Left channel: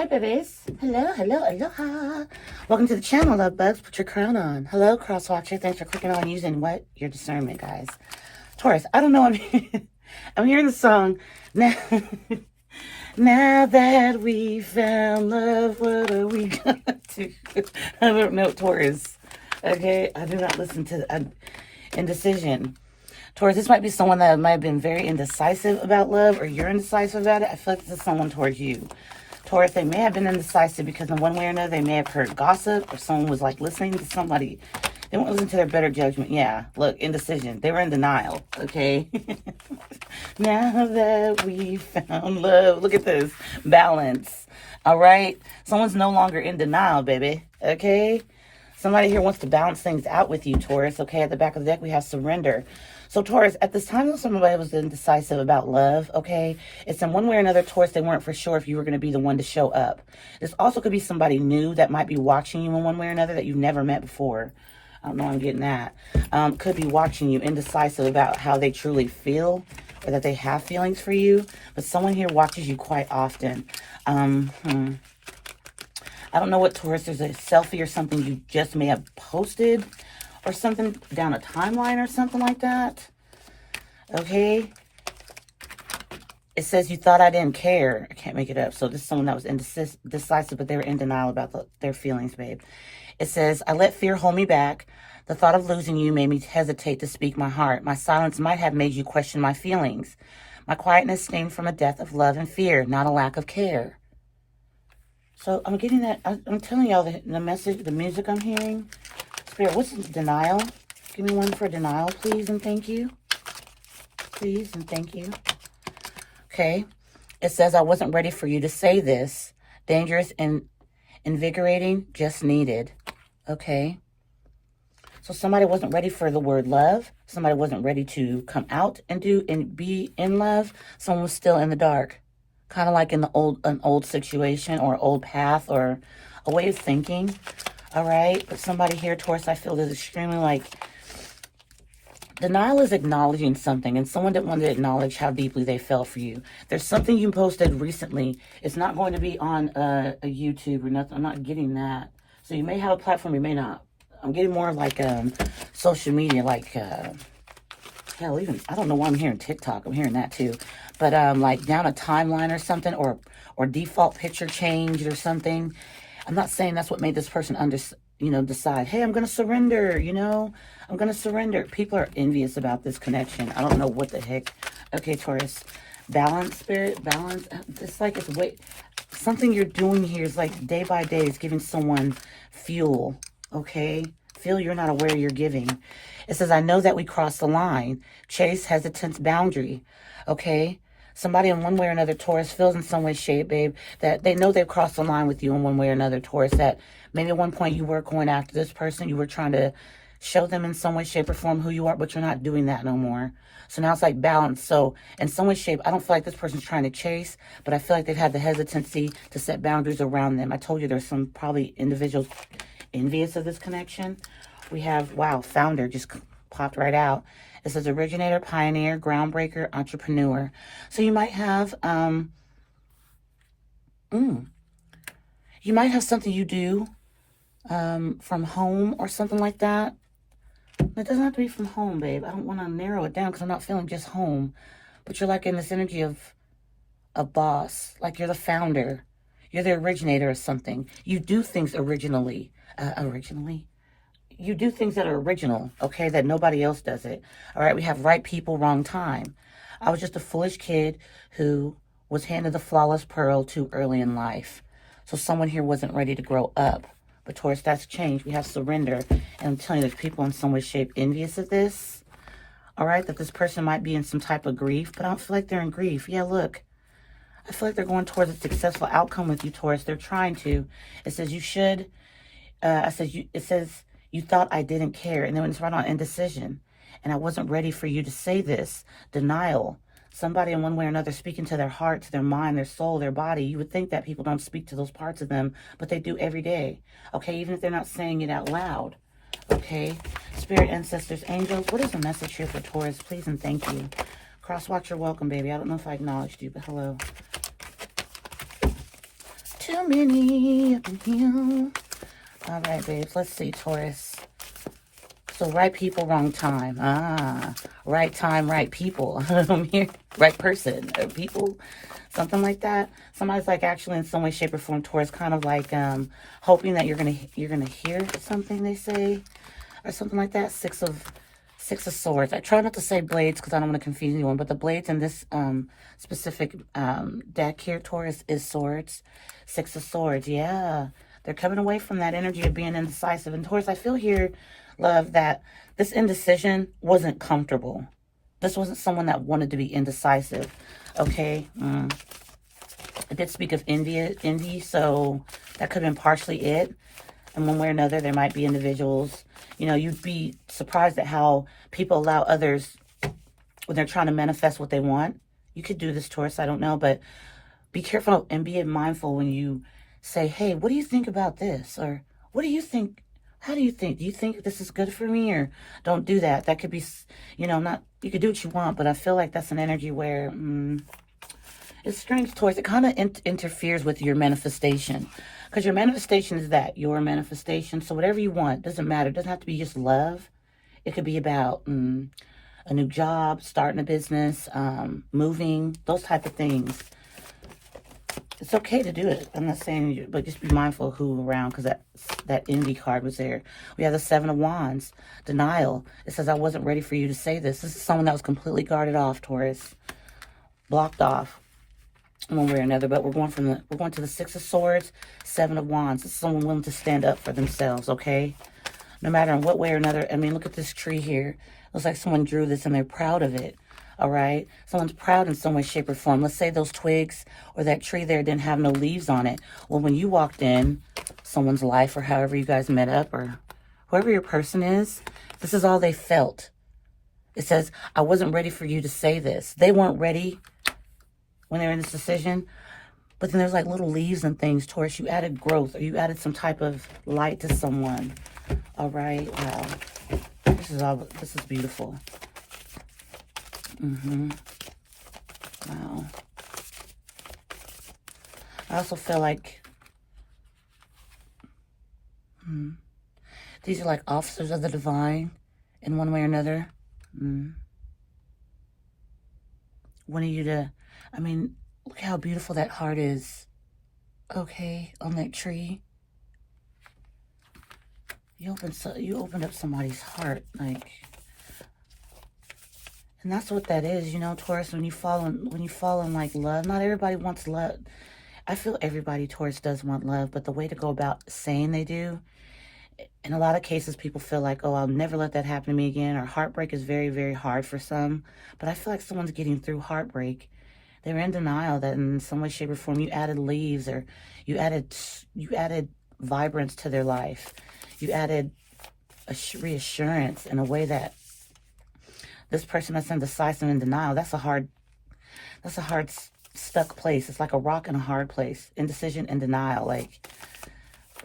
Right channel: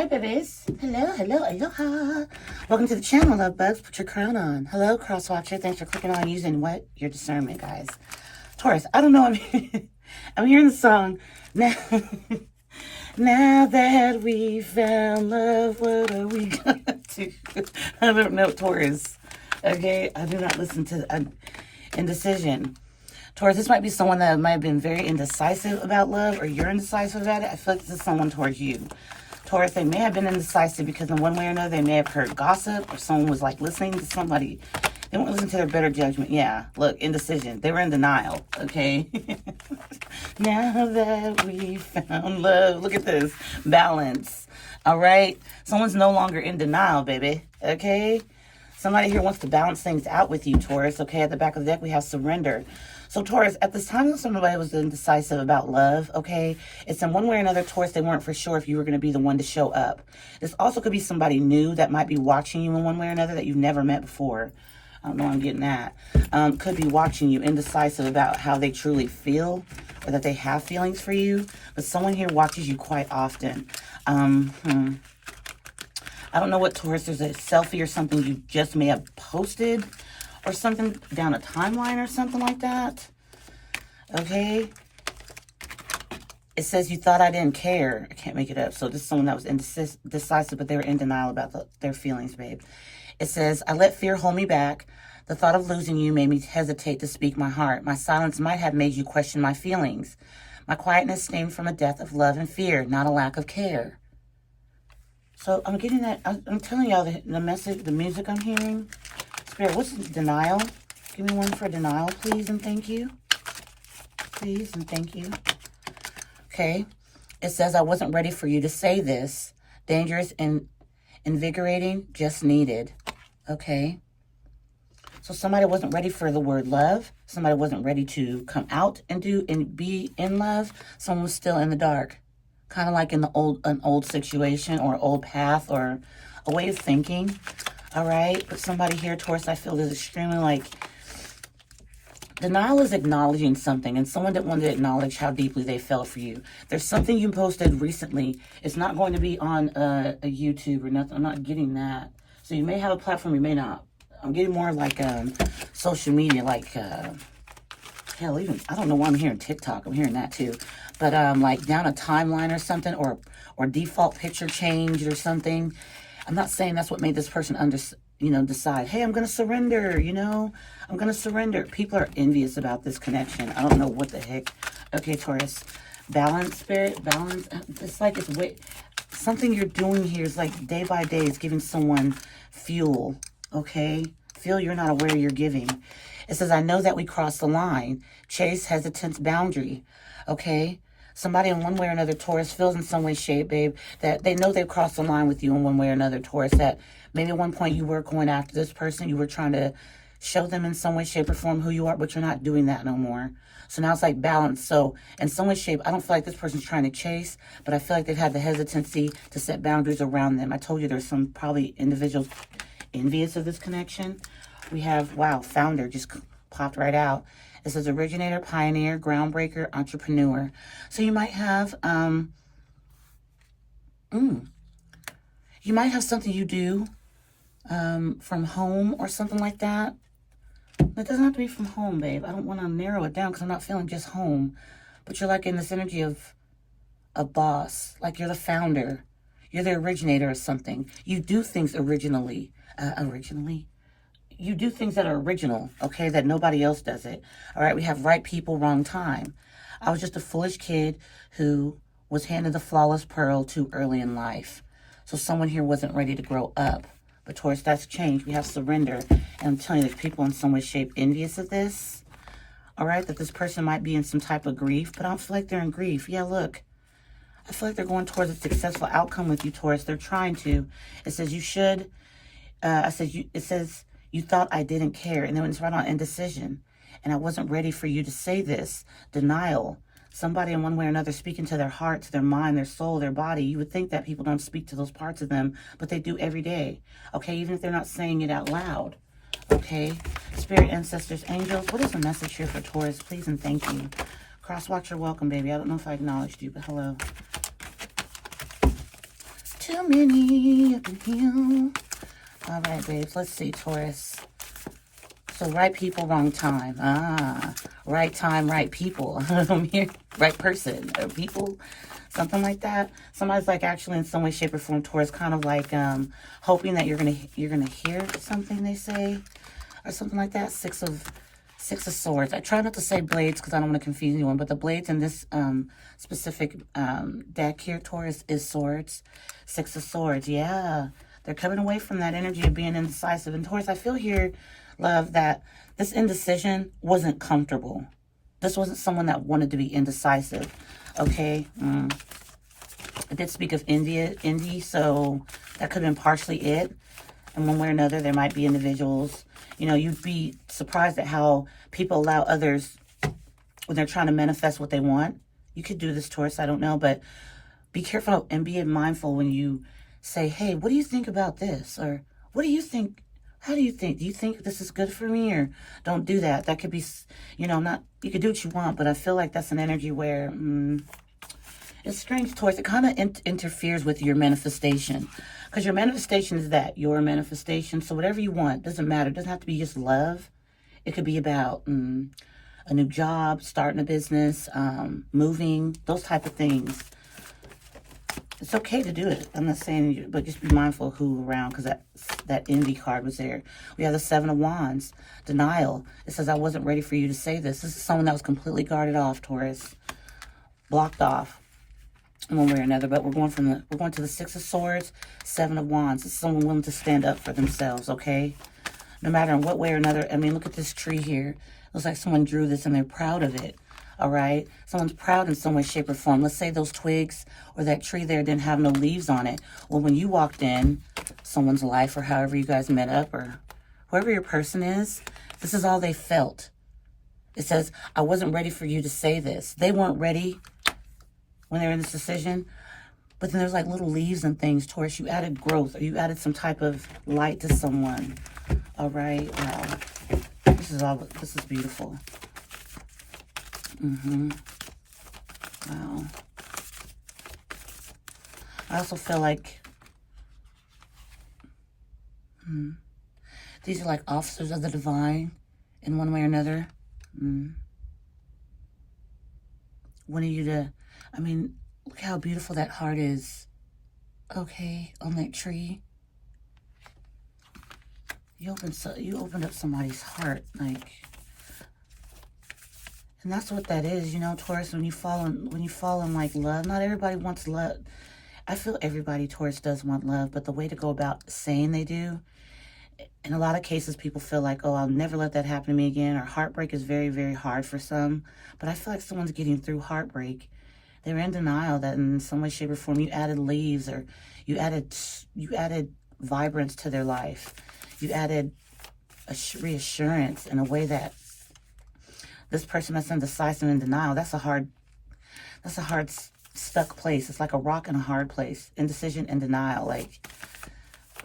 Hi, babies. Hello, hello, aloha. Welcome to the channel, love bugs. Put your crown on. Hello, crosswatcher. Thanks for clicking on using what? Your discernment, guys. Taurus, I don't know. I'm hearing the song. Now, now that we found love, what are we going to do? I don't know, Taurus. Okay? I do not listen to indecision. Taurus, this might be someone that might have been very indecisive about love, or you're indecisive about it. I feel like this is someone towards you. Taurus, they may have been indecisive because in one way or another, they may have heard gossip, or someone was like listening to somebody. They won't listen to their better judgment. Yeah, look, indecision. They were in denial, okay? Now that we found love, look at this, balance, all right? Someone's no longer in denial, baby, okay? Somebody here wants to balance things out with you, Taurus. Okay, at the back of the deck, we have surrender. So, Taurus, at this time, somebody was indecisive about love, okay? It's in one way or another, Taurus, they weren't for sure if you were going to be the one to show up. This also could be somebody new that might be watching you in one way or another that you've never met before. I don't know why I'm getting that. Could be watching you, indecisive about how they truly feel or that they have feelings for you. But someone here watches you quite often. I don't know what, Taurus, there's a selfie or something you just may have posted or something down a timeline or something like that. Okay. It says you thought I didn't care. I can't make it up. So this is someone that was indecisive, but they were in denial about their feelings, babe. It says, I let fear hold me back. The thought of losing you made me hesitate to speak my heart. My silence might have made you question my feelings. My quietness stemmed from a death of love and fear, not a lack of care. So I'm getting that, I'm telling y'all the message, the music I'm hearing. Spirit, what's denial? Give me one for denial, please, and thank you. Please, and thank you. Okay. It says, I wasn't ready for you to say this. Dangerous and invigorating, just needed. Okay. So somebody wasn't ready for the word love. Somebody wasn't ready to come out and be in love. Someone was still in the dark. Kind of like in an old situation or old path or a way of thinking. All right. But somebody here, Taurus, I feel is extremely like denial is acknowledging something, and someone didn't want to acknowledge how deeply they felt for you. There's something you posted recently. It's not going to be on a YouTube or nothing. I'm not getting that. So you may have a platform, you may not. I'm getting more like social media, like hell, even I don't know why I'm hearing TikTok. I'm hearing that too. But like down a timeline or something, or default picture changed or something. I'm not saying that's what made this person decide, hey, I'm going to surrender, I'm going to surrender. People are envious about this connection. I don't know what the heck. Okay, Taurus, balance, spirit, balance. It's like something you're doing here is like day by day is giving someone fuel, okay? Fuel you're not aware you're giving. It says, I know that we crossed the line. Chase hesitance boundary, okay? Somebody in one way or another, Taurus, feels in some way, shape, babe, that they know they've crossed the line with you in one way or another, Taurus, that maybe at one point you were going after this person. You were trying to show them in some way, shape, or form who you are, but you're not doing that no more. So now it's like balance. So in some way, shape, I don't feel like this person's trying to chase, but I feel like they've had the hesitancy to set boundaries around them. I told you there's some probably individuals envious of this connection. We have, wow, founder just popped right out. It says originator, pioneer, groundbreaker, entrepreneur. So you might have, you might have something you do from home or something like that. It doesn't have to be from home, babe. I don't want to narrow it down because I'm not feeling just home. But you're like in this energy of a boss. Like you're the founder. You're the originator of something. You do things originally. You do things that are original, okay, that nobody else does it. All right, we have right people, wrong time. I was just a foolish kid who was handed the flawless pearl too early in life. So someone here wasn't ready to grow up. But Taurus, that's changed. We have surrender. And I'm telling you, there's people in some way, shape, envious of this. All right, that this person might be in some type of grief, but I don't feel like they're in grief. Yeah, look. I feel like they're going towards a successful outcome with you, Taurus. They're trying to. It says you should. It says you thought I didn't care. And then it's right on indecision. And I wasn't ready for you to say this. Denial. Somebody in one way or another speaking to their heart, to their mind, their soul, their body. You would think that people don't speak to those parts of them, but they do every day. Okay, even if they're not saying it out loud. Okay, spirit, ancestors, angels, what is the message here for Taurus? Please and thank you. Crosswatcher, welcome, baby. I don't know if I acknowledged you, but hello. Two many up in here. All right, babes. Let's see, Taurus. So right people, wrong time. Right time, right people. Right person, people, something like that. Somebody's like actually in some way, shape, or form, Taurus, kind of like hoping that you're gonna hear something they say, or something like that. Six of Swords. I try not to say blades because I don't want to confuse anyone, but the blades in this specific deck here, Taurus, is swords. Six of Swords. Yeah, they're coming away from that energy of being indecisive. And Taurus, I feel here, love, that this indecision wasn't comfortable. This wasn't someone that wanted to be indecisive. Okay. I did speak of indie, so that could have been partially it. In one way or another, there might be individuals, you know, you'd be surprised at how people allow others, when they're trying to manifest what they want. You could do this, Taurus, I don't know, but be careful and be mindful when you say, hey, what do you think about this? Or what do you think? How do you think? Do you think this is good for me? Or don't do that. That could be, you know, not, you could do what you want, but I feel like that's an energy where it's strange, Taurus. It kind of interferes with your manifestation. Because your manifestation is that, your manifestation. So whatever you want, doesn't matter. It doesn't have to be just love. It could be about a new job, starting a business, moving, those type of things. It's okay to do it. I'm not saying you, but just be mindful of who around, because that envy card was there. We have the Seven of Wands, denial. It says, I wasn't ready for you to say this. This is someone that was completely guarded off, Taurus. Blocked off. One way or another, but we're going to the Six of Swords, Seven of Wands. It's someone willing to stand up for themselves, okay? No matter in what way or another. I mean, look at this tree here. Looks like someone drew this and they're proud of it, all right? Someone's proud in some way, shape, or form. Let's say those twigs or that tree there didn't have no leaves on it. Well, when you walked in someone's life, or however you guys met up, or whoever your person is, this is all they felt. It says, I wasn't ready for you to say this. They weren't ready when they're in this decision. But then there's like little leaves and things, Taurus. You added growth, or you added some type of light to someone. All right. This is beautiful. Wow. I also feel like these are like officers of the divine in one way or another. Wanting you to, I mean, look how beautiful that heart is. Okay, on that tree. You opened up somebody's heart, like, and that's what that is, you know, Taurus. When you fall in like love, not everybody wants love. I feel everybody, Taurus, does want love, but the way to go about saying they do, in a lot of cases, people feel like, oh, I'll never let that happen to me again, or heartbreak is very, very hard for some. But I feel like someone's getting through heartbreak. They're in denial that in some way, shape, or form you added leaves, or you added vibrance to their life. You added a reassurance in a way that this person that's indecisive and in denial, that's a hard stuck place. It's like a rock in a hard place. Indecision and denial, like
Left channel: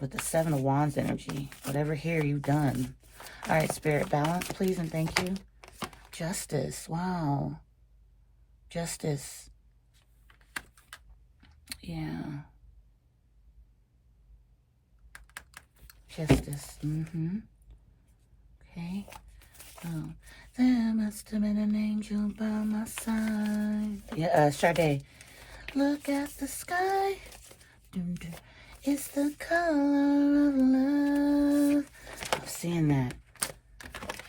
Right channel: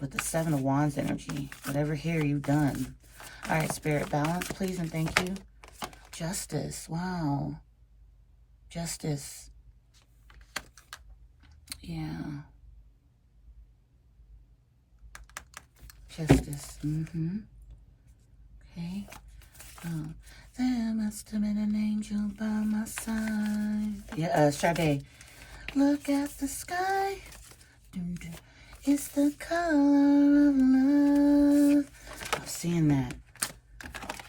with the Seven of Wands energy. Whatever here you've done. All right, Spirit, balance, please, and thank you. Justice. Wow. Justice. Yeah. Justice. Okay. Oh, there must have been an angel by my side. Yeah, Sade. Look at the sky. It's the color of love. I'm seeing that.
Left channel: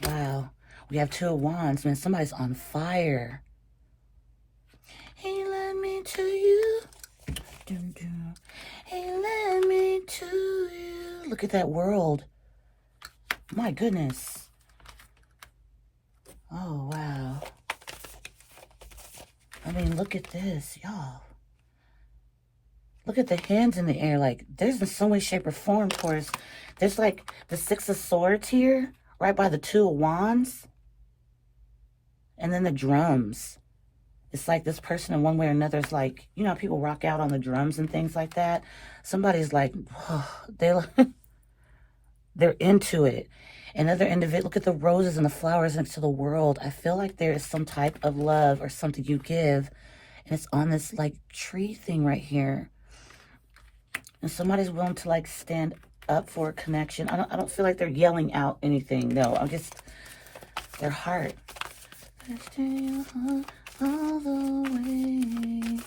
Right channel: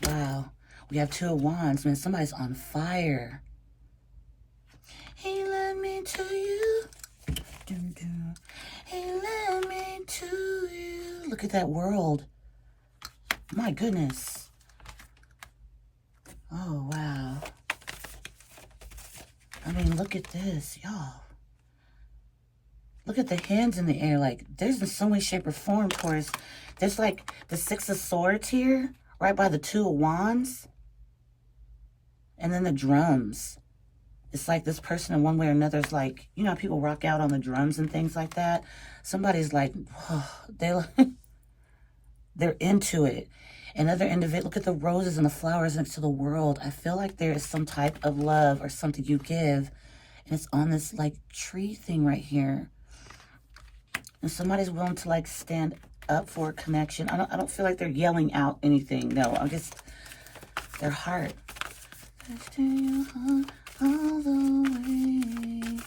Wow. We have Two of Wands. Man, somebody's on fire. He led me to you. He led me to you. Look at that world. My goodness. Oh, wow. I mean, look at this, y'all. Look at the hands in the air. Like, there's in some way, shape, or form, Taurus. There's like the Six of Swords here, right by the Two of Wands. And then the drums. It's like this person in one way or another is like, you know, people rock out on the drums and things like that. Somebody's like, oh, they're into it. Another individual, look at the roses and the flowers next to the world. I feel like there is some type of love or something you give. And it's on this like tree thing right here. And somebody's willing to like stand up for a connection. I don't feel like they're yelling out anything. No, I'm just their heart. Your heart all the way.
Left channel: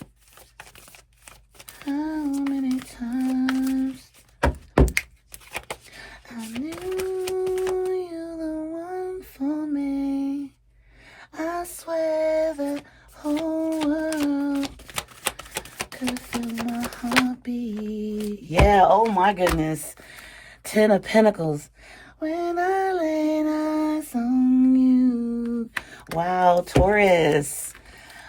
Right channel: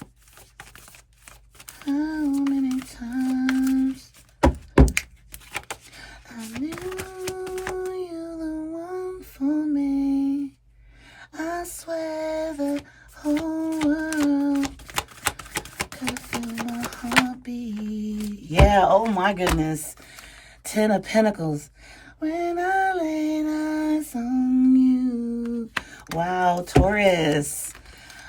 How many times I knew you're the one for me. I swear the whole world could feel my heartbeat. Yeah, oh my goodness. 10 of Pentacles. When I laid eyes on you. Wow, Taurus.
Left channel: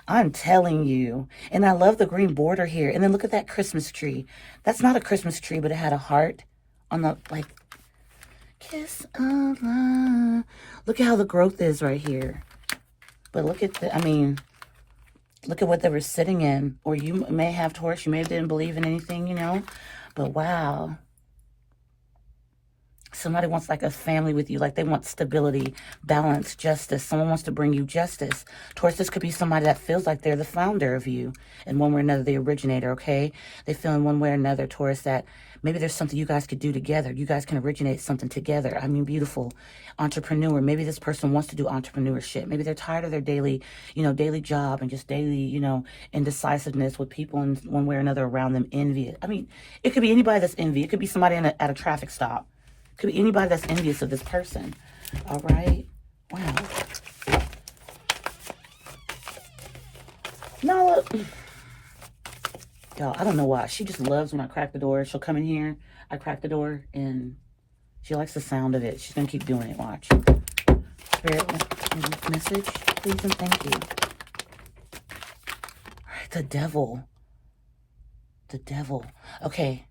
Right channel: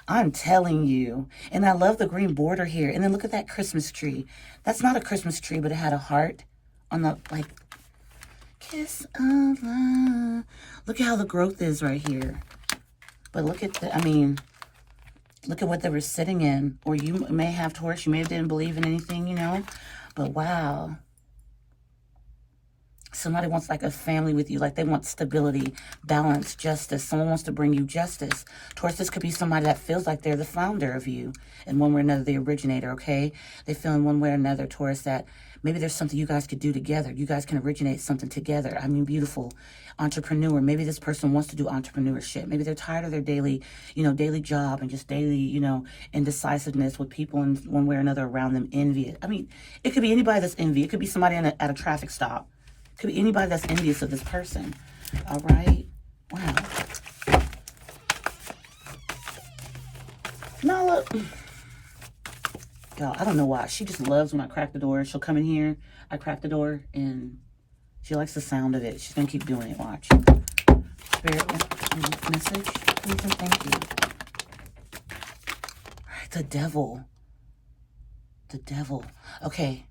I'm telling you. And I love the green border here. And then look at that Christmas tree. That's not a Christmas tree, but it had a heart on the, like, kiss of love. Look at how the growth is right here. But look at the, I mean, look at what they were sitting in. Or you may have Taurus, you may have didn't believe in anything, you know. But wow. Somebody wants like a family with you, like they want stability, balance, justice. Someone wants to bring you justice. Taurus, this could be somebody that feels like they're the founder of you in one way or another, the originator, okay? They feel in one way or another, Taurus, that maybe there's something you guys could do together. You guys can originate something together. I mean, beautiful. Entrepreneur. Maybe this person wants to do entrepreneurship. Maybe they're tired of their daily, daily job and just daily, indecisiveness with people in one way or another around them, envy. I mean, it could be anybody that's envy. It could be somebody at a traffic stop. Could be anybody that's envious of this person. All right. Wow. No, look. Yo, I don't know why. She just loves when I crack the door. She'll come in here. I crack the door, and she likes the sound of it. She's going to keep doing it. Watch. Spirit, message, please and thank you. All right, the devil. The devil. Okay.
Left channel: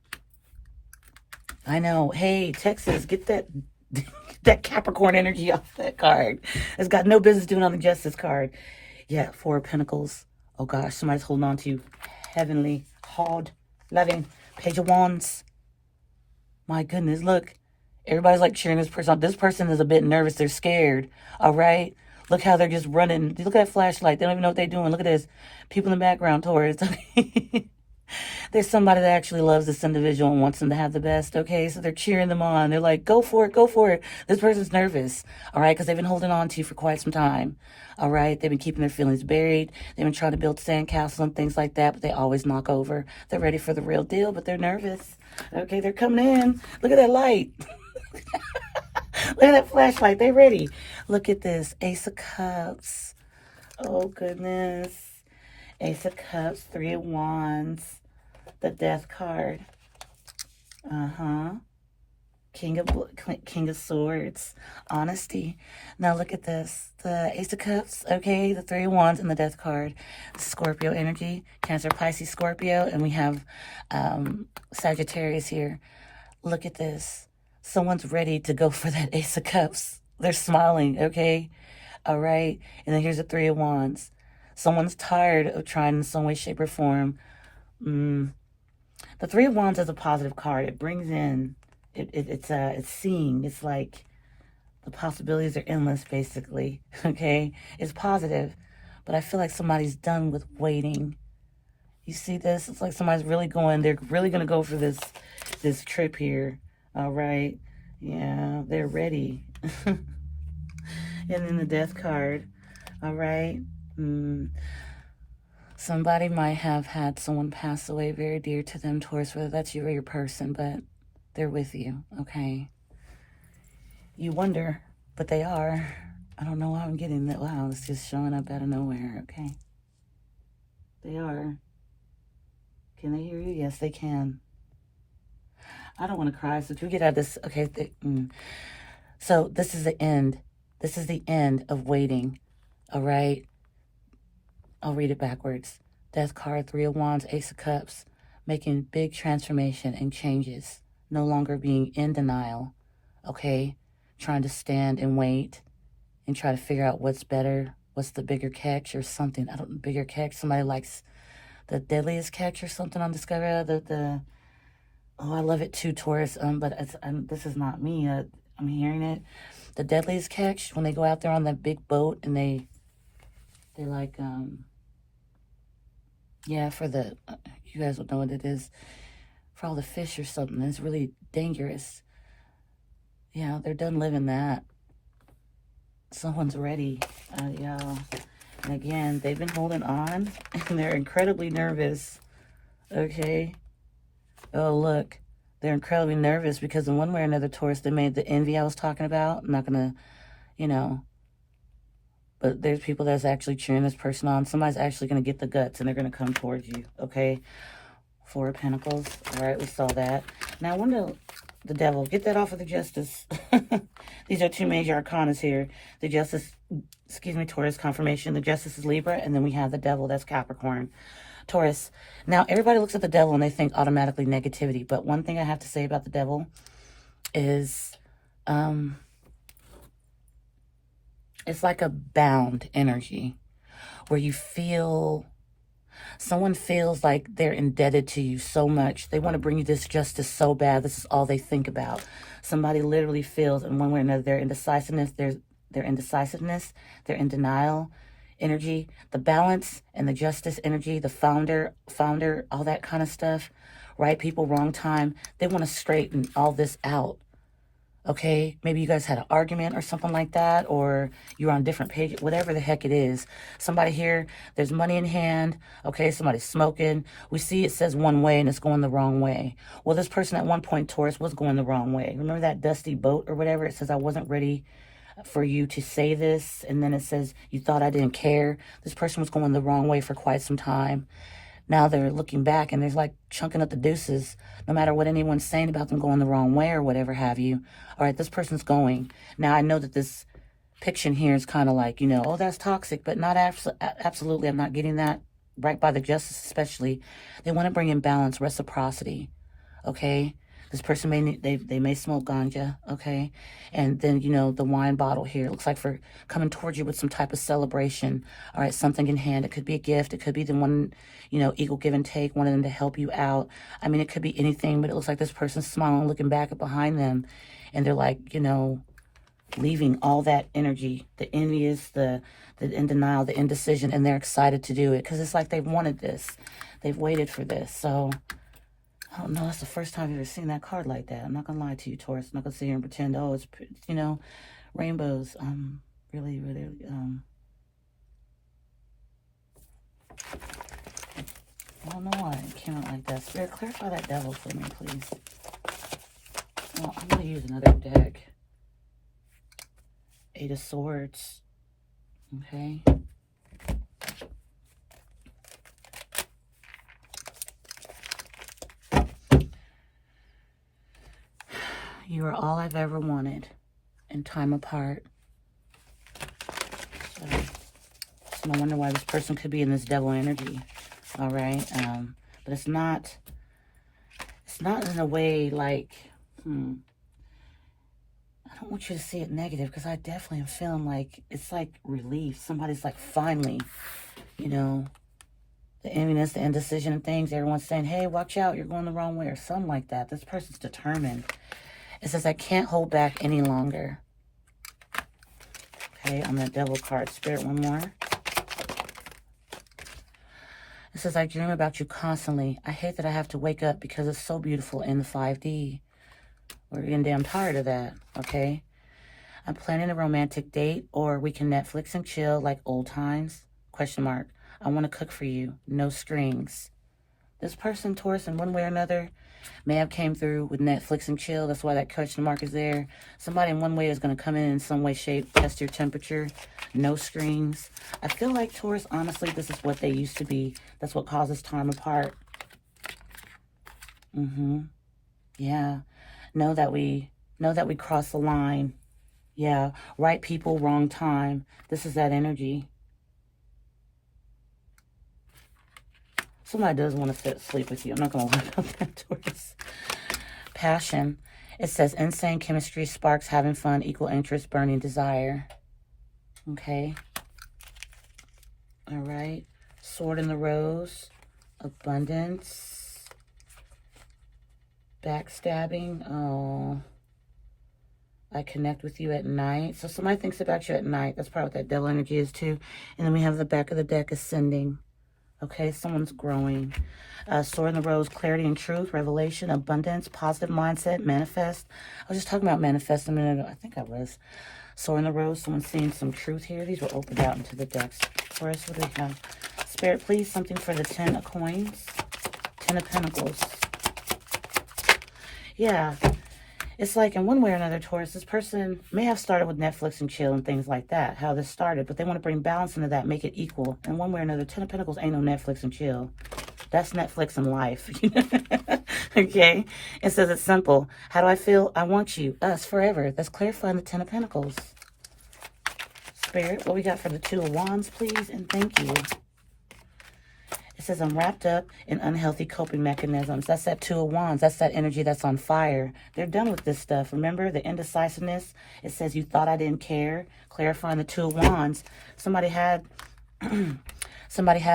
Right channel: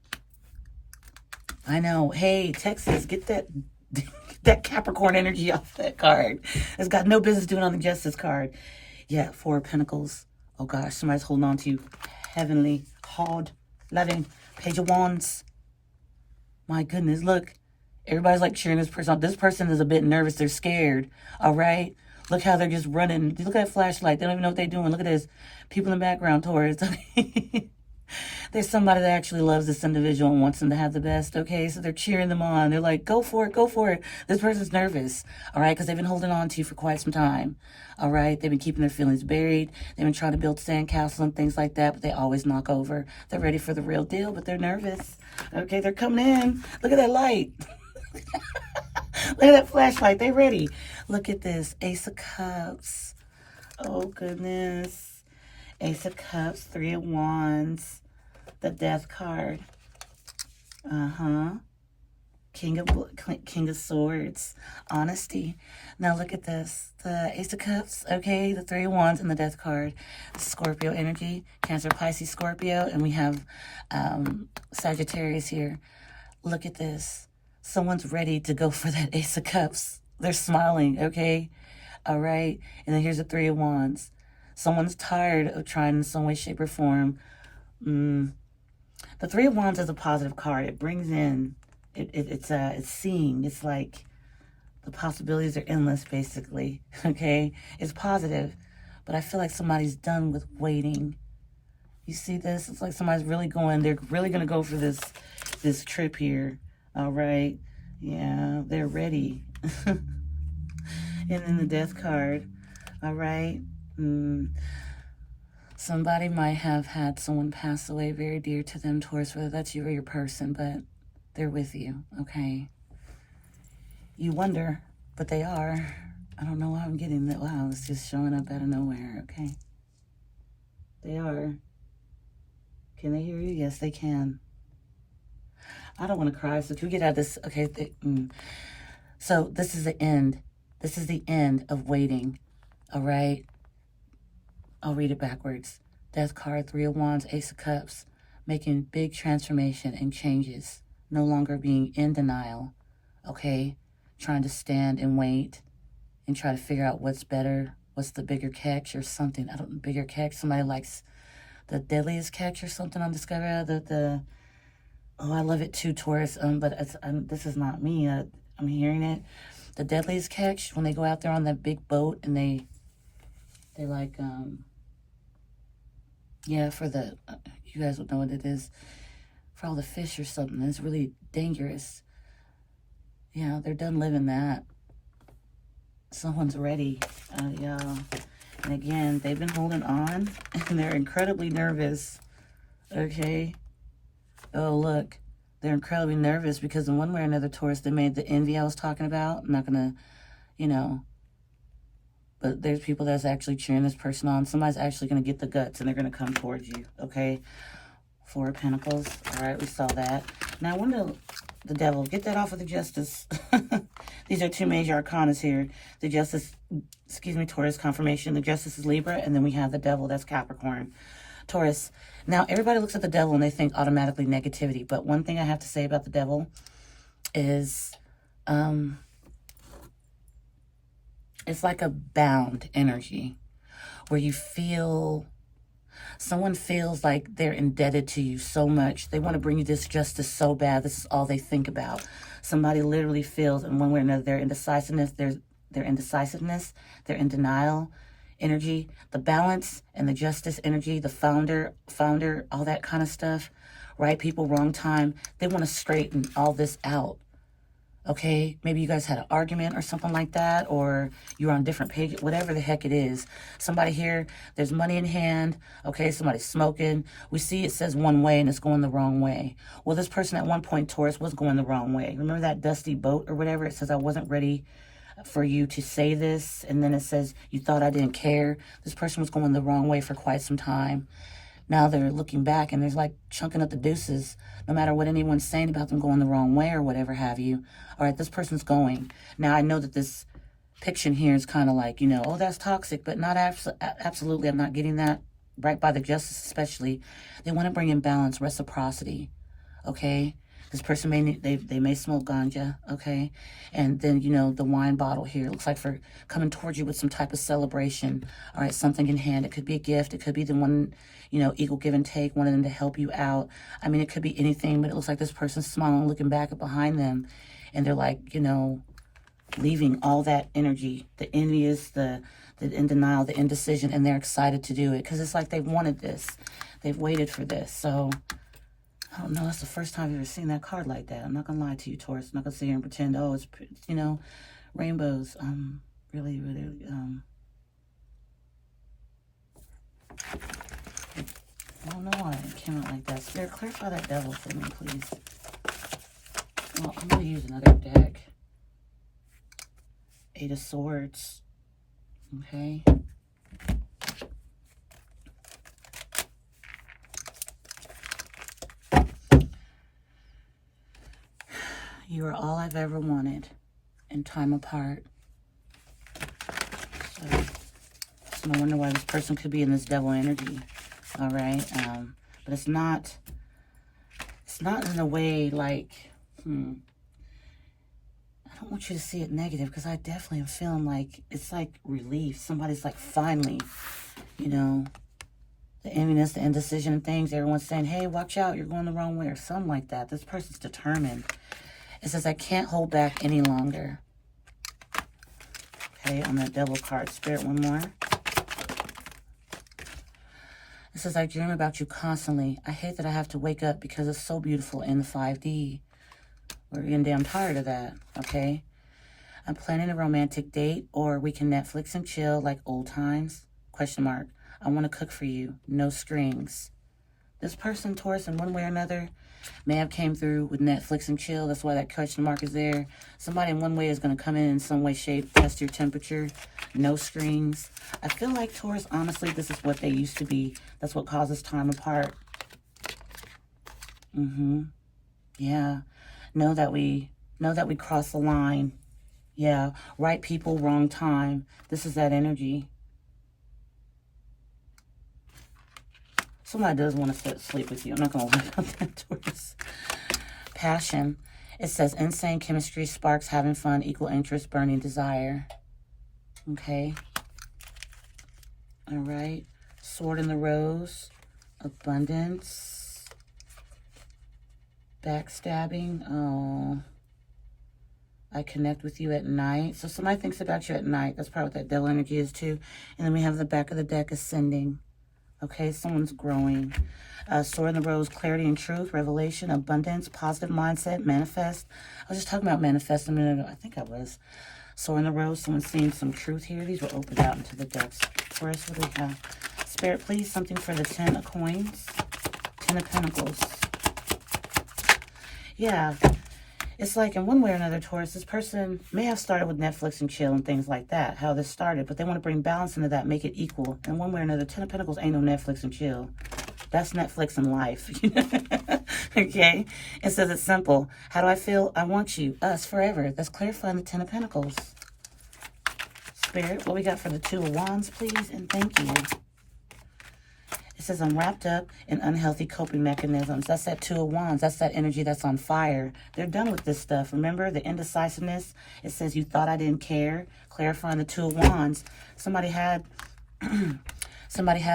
I know. Hey, Texas, get that Capricorn energy off that card. It's got no business doing on the Justice card. Yeah, 4 of Pentacles. Oh, gosh, somebody's holding on to you. Heavenly, hard, loving, Page of Wands. My goodness, look. Everybody's like cheering this person on. This person is a bit nervous. They're scared. All right? Look how they're just running. Look at that flashlight. They don't even know what they're doing. Look at this. People in the background, Taurus. There's somebody that actually loves this individual and wants them to have the best, okay? So they're cheering them on. They're like, go for it, go for it. This person's nervous, all right? Because they've been holding on to you for quite some time, all right? They've been keeping their feelings buried. They've been trying to build sandcastles and things like that, but they always knock over. They're ready for the real deal, but they're nervous, okay? They're coming in. Look at that light. Look at that flashlight. They're ready. Look at this. Ace of Cups. Oh, goodness. Ace of Cups, 3 of Wands. The Death card. King of Swords. Honesty. Now look at this. The Ace of Cups, okay, the 3 of Wands and the Death card. Scorpio energy. Cancer, Pisces, Scorpio. And we have Sagittarius here. Look at this. Someone's ready to go for that Ace of Cups. They're smiling, okay? All right? And then here's the 3 of Wands. Someone's tired of trying in some way, shape, or form. The 3 of Wands is a positive card. It brings in, it's seeing. It's like the possibilities are endless, basically. Okay, it's positive, but I feel like somebody's done with waiting. You see this? It's like somebody's really going. They're really gonna go for this trip here. All right, yeah, they're ready. And then the Death card. All right. Somebody might have had someone pass away very dear to them, Taurus, whether that's you or your person, but they're with you, okay? You wonder, but they are. I don't know why I'm getting that. Wow, it's just showing up out of nowhere, okay? They are. Can they hear you? Yes, they can. I don't want to cry, so can we get out of this? Okay, so this is the end. This is the end of waiting, all right? I'll read it backwards. Death card, 3 of Wands, Ace of Cups. Making big transformation and changes. No longer being in denial. Okay? Trying to stand and wait. And try to figure out what's better. What's the bigger catch or something. I don't know, bigger catch. Somebody likes the deadliest catch or something on Discovery. Oh, I love it too, Taurus. But this is not me. I'm hearing it. The deadliest catch, when they go out there on that big boat and they like, yeah, for the, you guys would know what it is. for all the fish or something. It's really dangerous. Yeah, they're done living that. Someone's ready. Yeah. And again, they've been holding on and they're incredibly nervous. Okay. Oh, look. They're incredibly nervous because in one way or another, Taurus, they made the envy I was talking about. I'm not going to, you know, but there's people that's actually cheering this person on. Somebody's actually going to get the guts and they're going to come towards you. Okay. Four of Pentacles. All right, we saw that. Now, when the Devil, get that off of the Justice. These are two major arcanas here. The Justice, excuse me, Taurus confirmation. The Justice is Libra, and then we have the Devil, that's Capricorn. Taurus. Now, everybody looks at the Devil and they think automatically negativity. But one thing I have to say about the Devil is it's like a bound energy where you feel... Someone feels like they're indebted to you so much. They want to bring you this justice so bad. This is all they think about. Somebody literally feels in one way or another their indecisiveness, their indecisiveness, their in denial energy, the balance and the justice energy, the founder, all that kind of stuff. Right people, wrong time. They want to straighten all this out. Okay, maybe you guys had an argument or something like that, or you're on different pages, whatever the heck it is. Somebody here, there's money in hand, okay, somebody's smoking. We see it says one way and it's going the wrong way. Well, this person at one point, Taurus, was going the wrong way. Remember that dusty boat or whatever? It says, I wasn't ready for you to say this. And then it says, you thought I didn't care. This person was going the wrong way for quite some time. Now they're looking back and there's like chunking up the deuces, no matter what anyone's saying about them going the wrong way or whatever have you. All right, this person's going. Now, I know that this picture here is kind of like, you know, oh, that's toxic, but not absolutely. I'm not getting that. Right by the Justice especially. They want to bring in balance, reciprocity, okay? This person may need, they may smoke ganja, okay? And then, you know, the wine bottle here. It looks like for coming towards you with some type of celebration. All right, something in hand. It could be a gift. It could be the one, you know, equal give and take, wanting them to help you out. I mean, it could be anything, but it looks like this person's smiling, looking back at behind them. And they're like, you know, leaving all that energy, the envious, the in denial, the indecision, and they're excited to do it. Because it's like they've wanted this. They've waited for this. So... I don't know, that's the first time I've ever seen that card like that. I'm not going to lie to you, Taurus. I'm not going to sit here and pretend, oh, it's, you know, rainbows. Really, I don't know why it came out like that. Spirit, clarify that Devil for me, please. Well, I'm going to use another deck. Eight of Swords. Okay. You are all I've ever wanted in time apart. So, no wonder why this person could be in this Devil energy. All right. But it's not in a way like, I don't want you to see it negative because I definitely am feeling like it's like relief. Somebody's like finally, you know, the enviness, the indecision and things. Everyone's saying, hey, watch out, you're going the wrong way or something like that. This person's determined. It says, I can't hold back any longer. Okay, on the Devil card. Spirit, one more. It says, I dream about you constantly. I hate that I have to wake up because it's so beautiful in the 5D. We're getting damn tired of that, okay? I'm planning a romantic date, or we can Netflix and chill like old times. Question mark. I want to cook for you. No strings. This person, Taurus, in one way or another, may have came through with Netflix and chill. That's why that question mark is there. Somebody in one way is going to come in some way, shape, test your temperature. No strings. I feel like Taurus, honestly, this is what they used to be. That's what causes time apart. Yeah. Know that we cross the line. Yeah. Right people, wrong time. This is that energy. Somebody does want to sleep with you. I'm not going to lie about that, Taurus. Passion. It says insane chemistry, sparks, having fun, equal interest, burning desire. Okay. All right. Sword in the Rose. Abundance. Backstabbing. Oh. I connect with you at night. So somebody thinks about you at night. That's probably what that Devil energy is too. And then we have the back of the deck ascending. Okay, someone's growing. Soar in the rose, clarity and truth, revelation, abundance, positive mindset, manifest. I was just talking about manifest a minute ago. I think I was. Soar in the rose, someone's seeing some truth here. These were opened out into the decks. Taurus, what do we have? Spirit, please, something for the 10 of coins. 10 of pentacles. Yeah. It's like in one way or another, Taurus, this person may have started with Netflix and chill and things like that, how this started, but they want to bring balance into that, make it equal. In one way or another, 10 of Pentacles ain't no Netflix and chill. That's Netflix and life. Okay? It says it's simple. How do I feel? I want you, us, forever. That's clarifying the 10 of Pentacles. Spirit, what we got for the 2 of Wands, please, and thank you. It says, I'm wrapped up in unhealthy coping mechanisms. That's that 2 of Wands. That's that energy that's on fire. They're done with this stuff. Remember the indecisiveness? It says, you thought I didn't care. Clarifying the 2 of Wands. Somebody has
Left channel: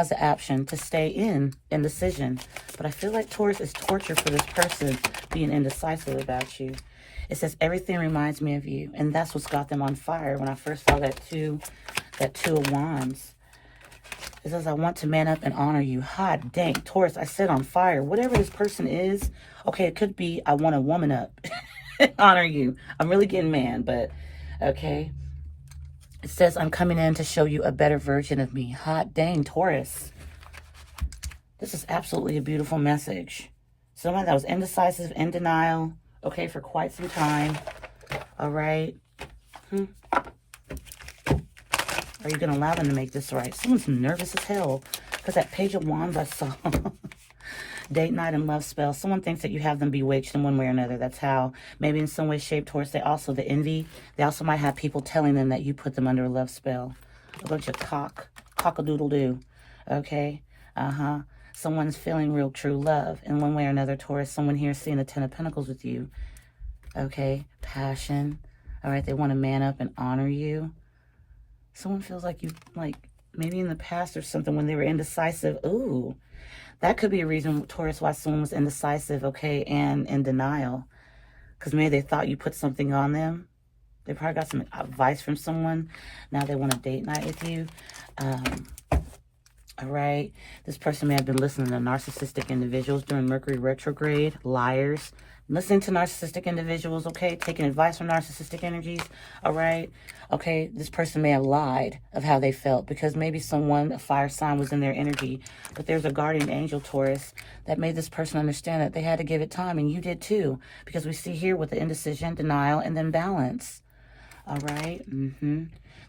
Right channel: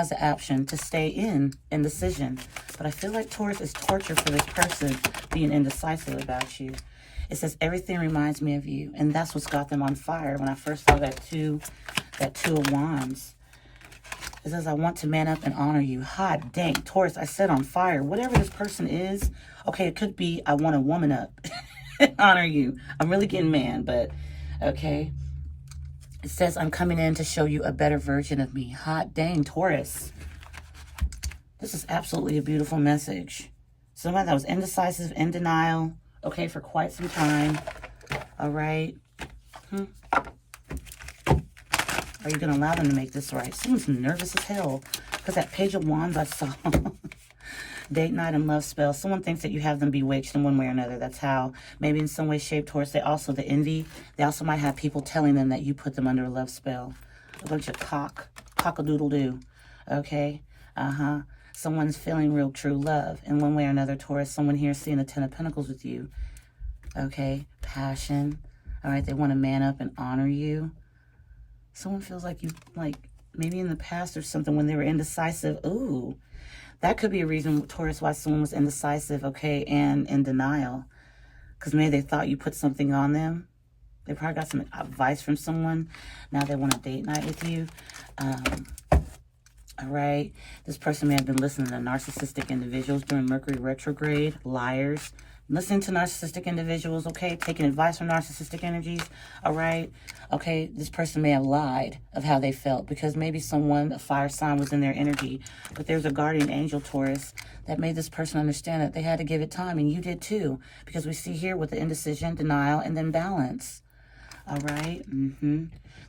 the option to stay in indecision. But I feel like Taurus is torture for this person being indecisive about you. It says, everything reminds me of you. And that's what's got them on fire. When I first saw that two of Wands. It says, I want to man up and honor you. Hot dang, Taurus, I set on fire. Whatever this person is, okay, it could be I want to woman up. Honor you. I'm really getting mad, but okay. It says, I'm coming in to show you a better version of me. Hot dang, Taurus. This is absolutely a beautiful message. Someone that was indecisive, in denial, okay, for quite some time. All right. Are you going to allow them to make this right? Someone's nervous as hell because that Page of Wands I saw. Date night and love spell. Someone thinks that you have them bewitched in one way or another. That's how, maybe in some way, shape, Taurus. They also, the envy. They also might have people telling them that you put them under a love spell. A bunch of cock-a-doodle-doo. Okay? Someone's feeling real true love in one way or another, Taurus. Someone here is seeing the 10 of Pentacles with you. Okay? Passion. All right? They want to man up and honor you. Someone feels like you, like, maybe in the past or something when they were indecisive. Ooh, that could be a reason, Taurus, why someone was indecisive, okay, and in denial. Because maybe they thought you put something on them. They probably got some advice from someone. Now they want a date night with you. All right. This person may have been listening to narcissistic individuals during Mercury retrograde. Liars. Listening to narcissistic individuals, okay? Taking advice from narcissistic energies, all right? Okay, this person may have lied of how they felt because maybe someone, a fire sign, was in their energy. But there's a guardian angel, Taurus, that made this person understand that they had to give it time, and you did too. Because we see here with the indecision, denial, and then balance. All right?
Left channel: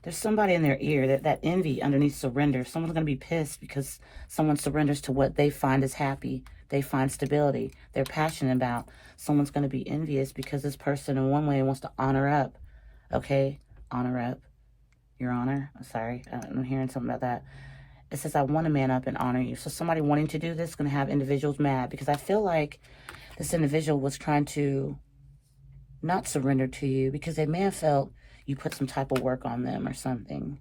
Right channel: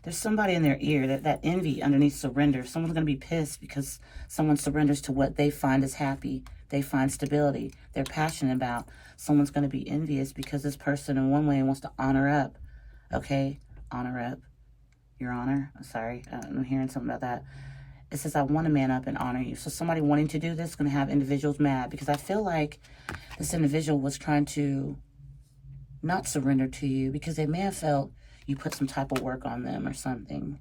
There's somebody in their ear, that envy underneath surrender. Someone's going to be pissed because someone surrenders to what they find is happy. They find stability. They're passionate about. Someone's going to be envious because this person in one way wants to honor up. Okay? Honor up. Your honor. Sorry. I'm hearing something about that. It says, I want to man up and honor you. So somebody wanting to do this is going to have individuals mad because I feel like this individual was trying to not surrender to you because they may have felt you put some type of work on them or something.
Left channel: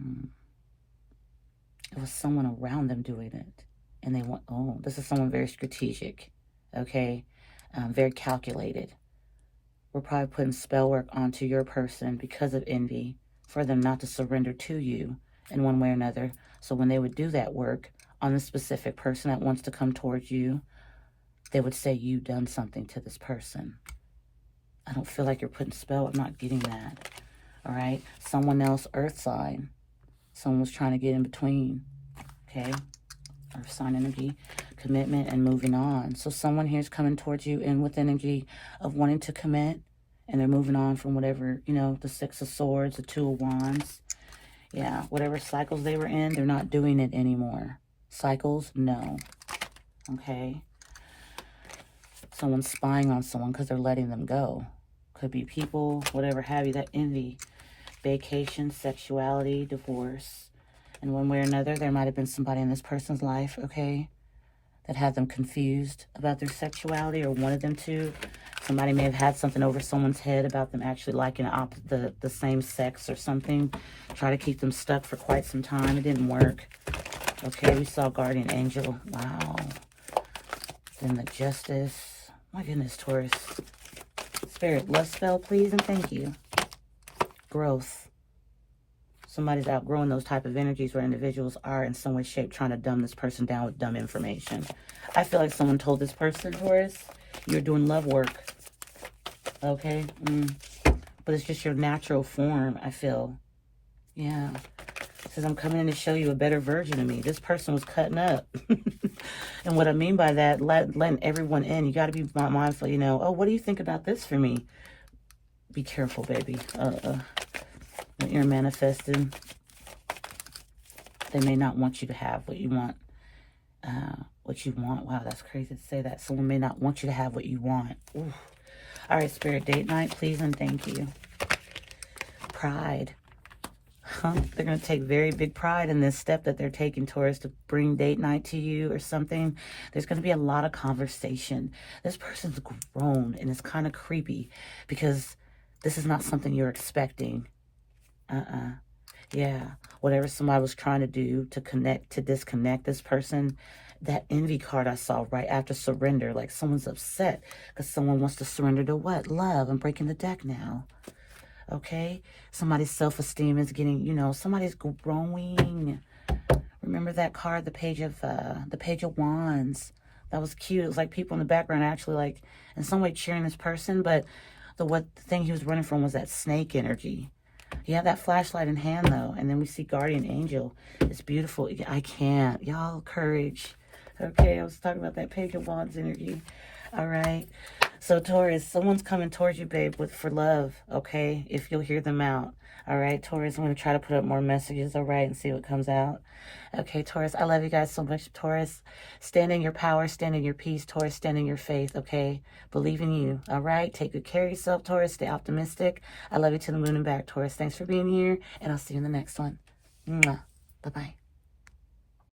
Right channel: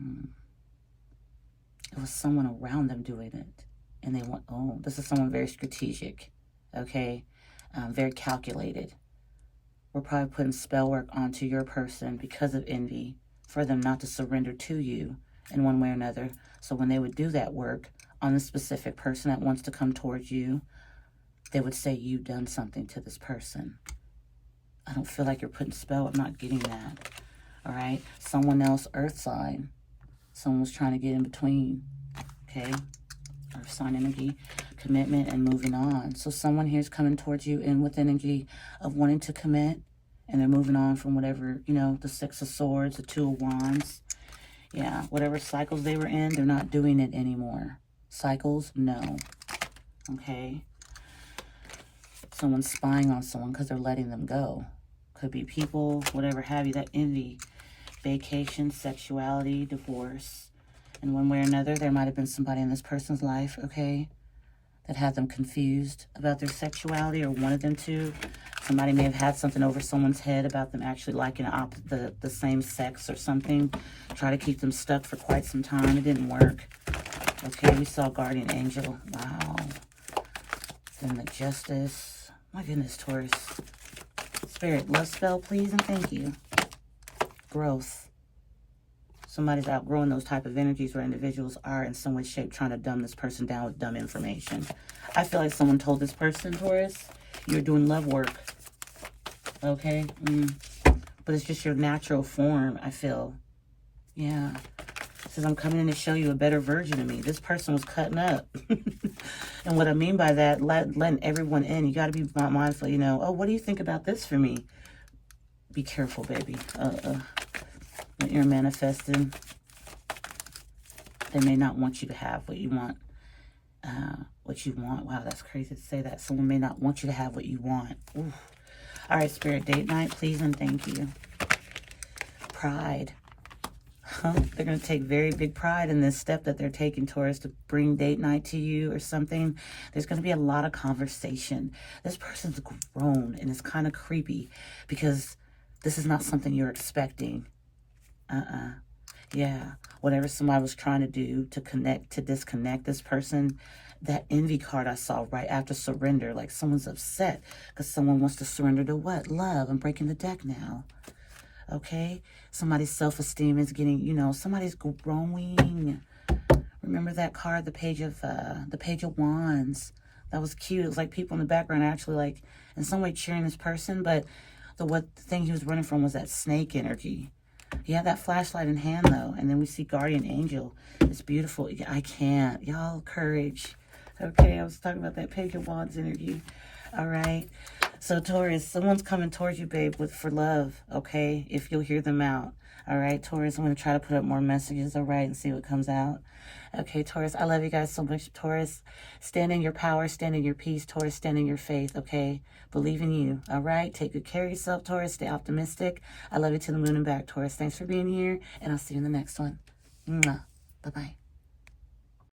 It was someone around them doing it. And they want, oh, this is someone very strategic. Okay? Very calculated. We're probably putting spell work onto your person because of envy for them not to surrender to you in one way or another. So when they would do that work on a specific person that wants to come towards you, they would say you've done something to this person. I don't feel like you're putting spell. I'm not getting that. All right? Someone else, earth sign. Someone was trying to get in between. Okay? Earth sign energy, commitment, and moving on. So someone here is coming towards you and with energy of wanting to commit, and they're moving on from whatever, you know, the 6 of Swords, the 2 of Wands. Yeah, whatever cycles they were in, they're not doing it anymore. Cycles, no. Okay? Someone's spying on someone because they're letting them go. Could be people, whatever have you, that envy. Vacation, sexuality, divorce. In one way or another, there might have been somebody in this person's life, okay, that had them confused about their sexuality or wanted them to. Somebody may have had something over someone's head about them actually liking the same sex or something. Try to keep them stuck for quite some time. It didn't work. Okay, we saw guardian angel. Wow. Then the justice. My goodness, Taurus. Spirit, love spell, please, and thank you. Growth. Somebody's outgrowing those type of energies where individuals are in some way, shape, trying to dumb this person down with dumb information. I feel like someone told this person, Taurus, you're doing love work. Okay? But it's just your natural form, I feel. Yeah. It says, I'm coming in to show you a better version of me. This person was cutting up. And what I mean by that, letting everyone in. You got to be mindful, you know. Oh, what do you think about this for me? Be careful, baby. When you're manifesting, they may not want you to have what you want. Wow, that's crazy to say that. Someone may not want you to have what you want. Oof. All right, Spirit, date night, please and thank you. Pride. They're going to take very big pride in this step that they're taking, Taurus, to bring date night to you or something. There's going to be a lot of conversation. This person's grown, and it's kind of creepy because this is not something you're expecting. Yeah. Whatever somebody was trying to do to disconnect this person, that envy card I saw right after surrender, like someone's upset because someone wants to surrender to what? Love. I'm breaking the deck now. Okay? Somebody's self-esteem is getting, you know, somebody's growing. Remember that card, the Page of Wands? That was cute. It was like people in the background actually like in some way cheering this person, but the thing he was running from was that snake energy. You have that flashlight in hand though, and then we see Guardian Angel. It's beautiful. I can't. Y'all, courage. Okay, I was talking about that Page of Wands energy. All right. So Taurus, someone's coming towards you, babe, for love, okay? If you'll hear them out. All right, Taurus, I'm going to try to put up more messages, all right, and see what comes out. Okay, Taurus, I love you guys so much, Taurus. Stand in your power, stand in your peace, Taurus, stand in your faith, okay? Believe in you, all right? Take good care of yourself, Taurus. Stay optimistic. I love you to the moon and back, Taurus. Thanks for being here, and I'll see you in the next one. Mwah. Bye-bye.